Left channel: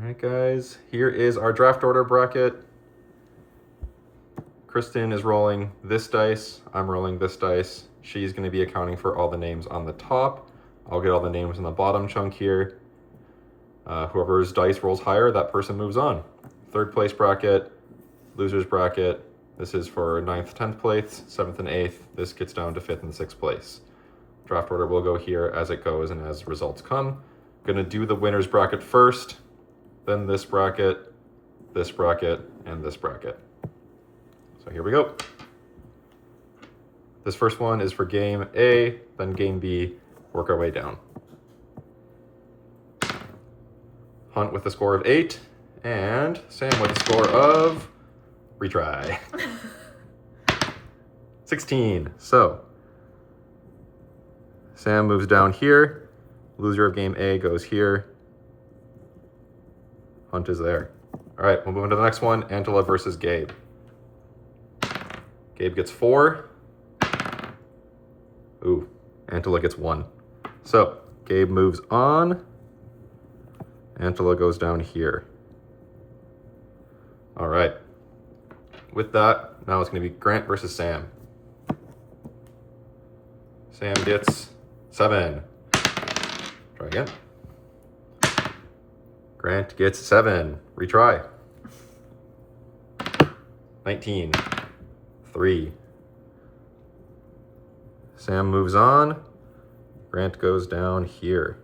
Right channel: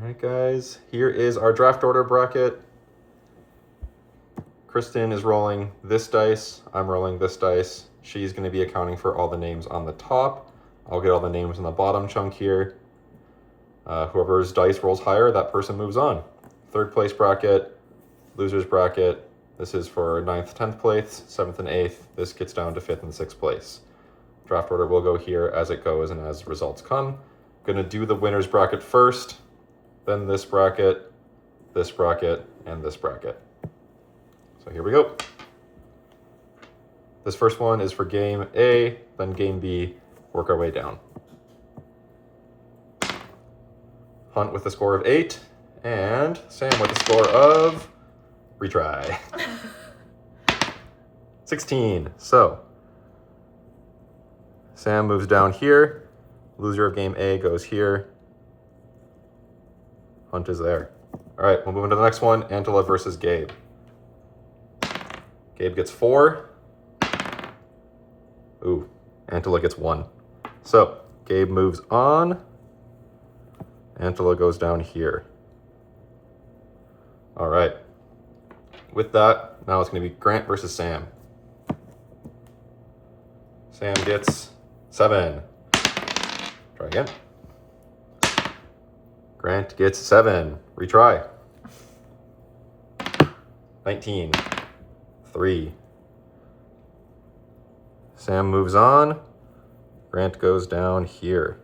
All right, guys, here is our draft order bracket. Kristen is rolling this dice. I'm rolling this dice. She's going to be accounting for all the names on the top. I'll get all the names in the bottom chunk here. Whoever's dice rolls higher, that person moves on. Third place bracket, losers bracket. This is for 9th, 10th place, 7th and 8th. This gets down to 5th and 6th place. Draft order will go here as it goes and as results come. Gonna do the winners bracket first, then this bracket, and this bracket. So here we go. This first one is for game A, then game B, work our way down. Hunt with a score of 8, and Sam with a score of, retry, 16. So, Sam moves down here. Loser of game A goes here. Hunt is there. All right, we'll move into the next one, Antela versus Gabe. Gabe gets 4. Ooh, Antela gets 1. So, Gabe moves on. Antela goes down here. All right. With that, now it's going to be Grant versus Sam. Sam gets 7. Try again. Grant gets 7. Retry. 19. 3. Sam moves on. Grant goes down here.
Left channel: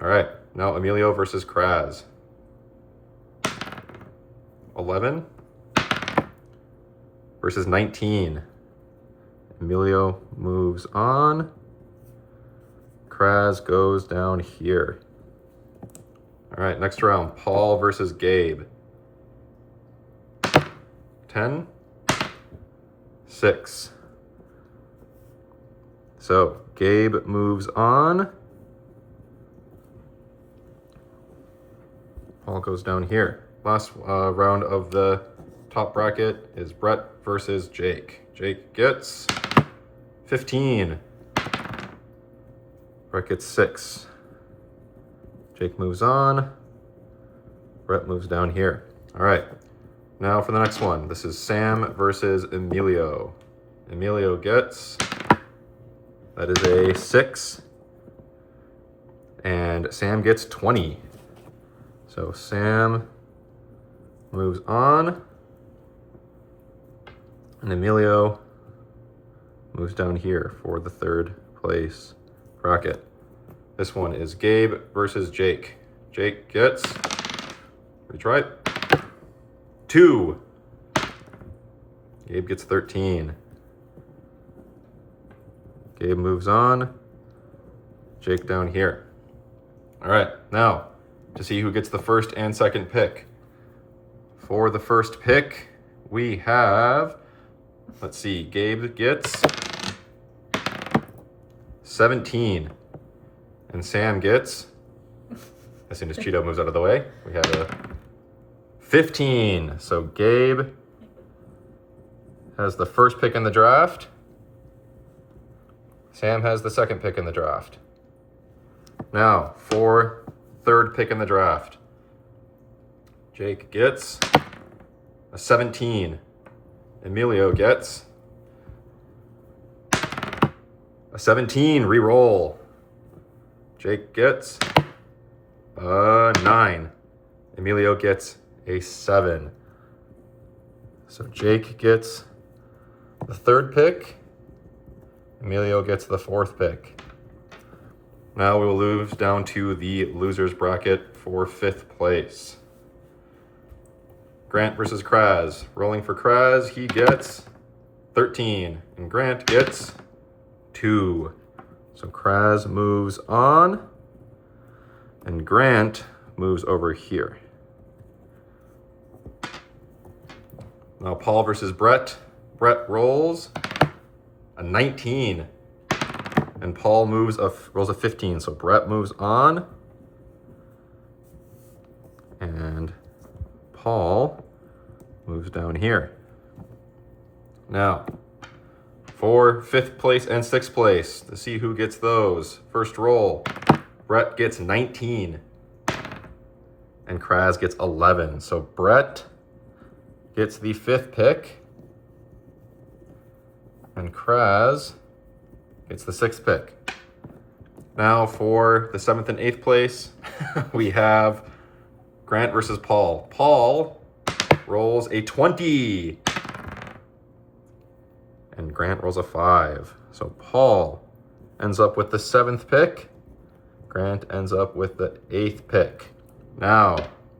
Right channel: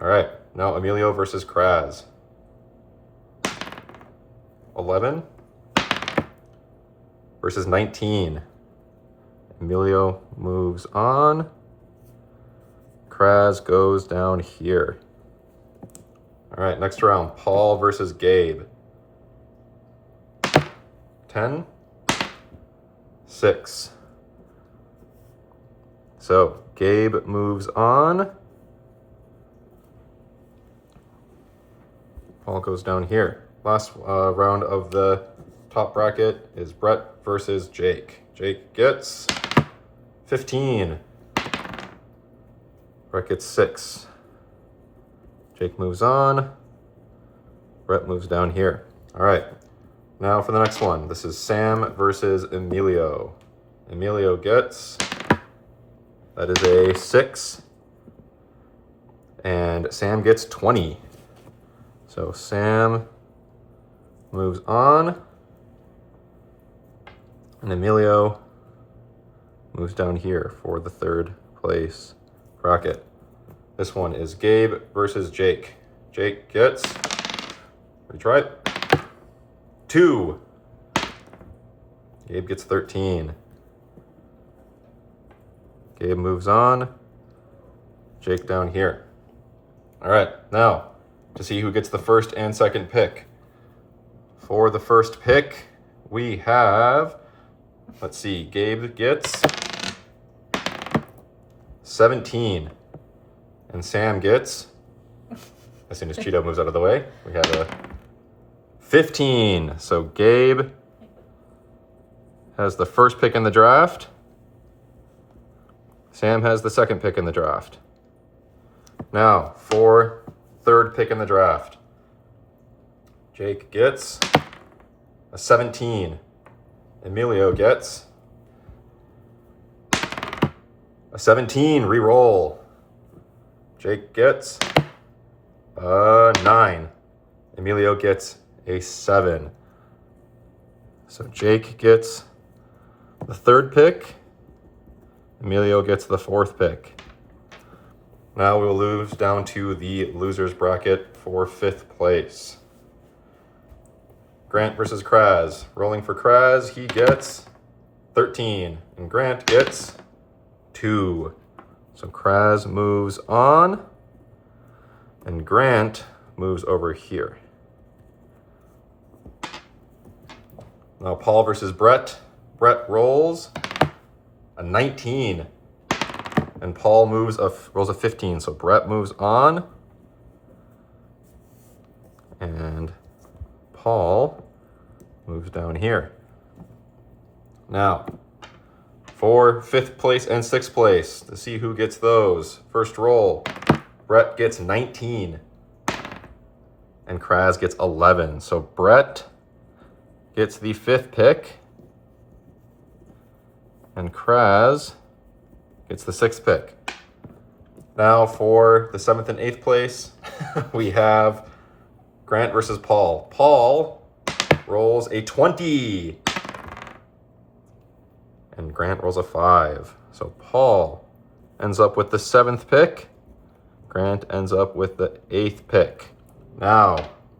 All right, now Emilio versus Kraz. 11 versus 19. Emilio moves on. Kraz goes down here. All right, next round, Paul versus Gabe. 10, 6. So Gabe moves on. Paul goes down here. Last round of the top bracket is Brett versus Jake. Jake gets 15. Brett gets 6. Jake moves on. Brett moves down here. All right. Now for the next one. This is Sam versus Emilio. Emilio gets, that is a 6. And Sam gets 20. So Sam moves on. And Emilio moves down here for the third place bracket. This one is Gabe versus Jake. Jake gets, retry, 2. Gabe gets 13. Gabe moves on. Jake down here. All right, now to see who gets the first and second pick. For the first pick, we have, let's see, Gabe gets 17. And Sam gets, as soon as Cheeto moves out of the way, we have a 15. So Gabe has the first pick in the draft. Sam has the second pick in the draft. Now, for third pick in the draft, Jake gets a 17. Emilio gets a 17. Re-roll. Jake gets a 9. Emilio gets a 7. So Jake gets the third pick. Emilio gets the fourth pick. Now we will move down to the losers bracket for 5th place. Grant versus Kraz. Rolling for Kraz, he gets 13. And Grant gets 2. So Kraz moves on. And Grant moves over here. Now Paul versus Brett. Brett rolls a 19. And Paul rolls a 15. So Brett moves on. And Paul moves down here. Now, for 5th place and 6th place, to see who gets those. First roll, Brett gets 19. and Kraz gets 11. So Brett gets the 5th pick, and Kraz gets the 6th pick. Now for the 7th and 8th place, we have Grant versus Paul. Paul rolls a 20, and Grant rolls a 5. So Paul ends up with the 7th pick. Grant ends up with the 8th pick. Now,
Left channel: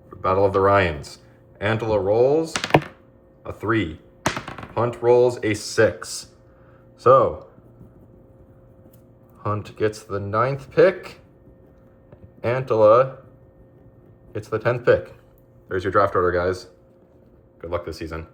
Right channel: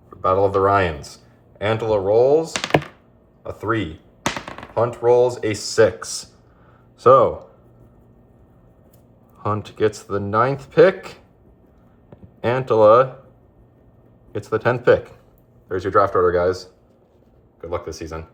for Battle of the Ryans. Angela rolls a 3. Hunt rolls a 6. So, Hunt gets the 9th pick. Angela gets the 10th pick. There's your draft order, guys. Good luck this season.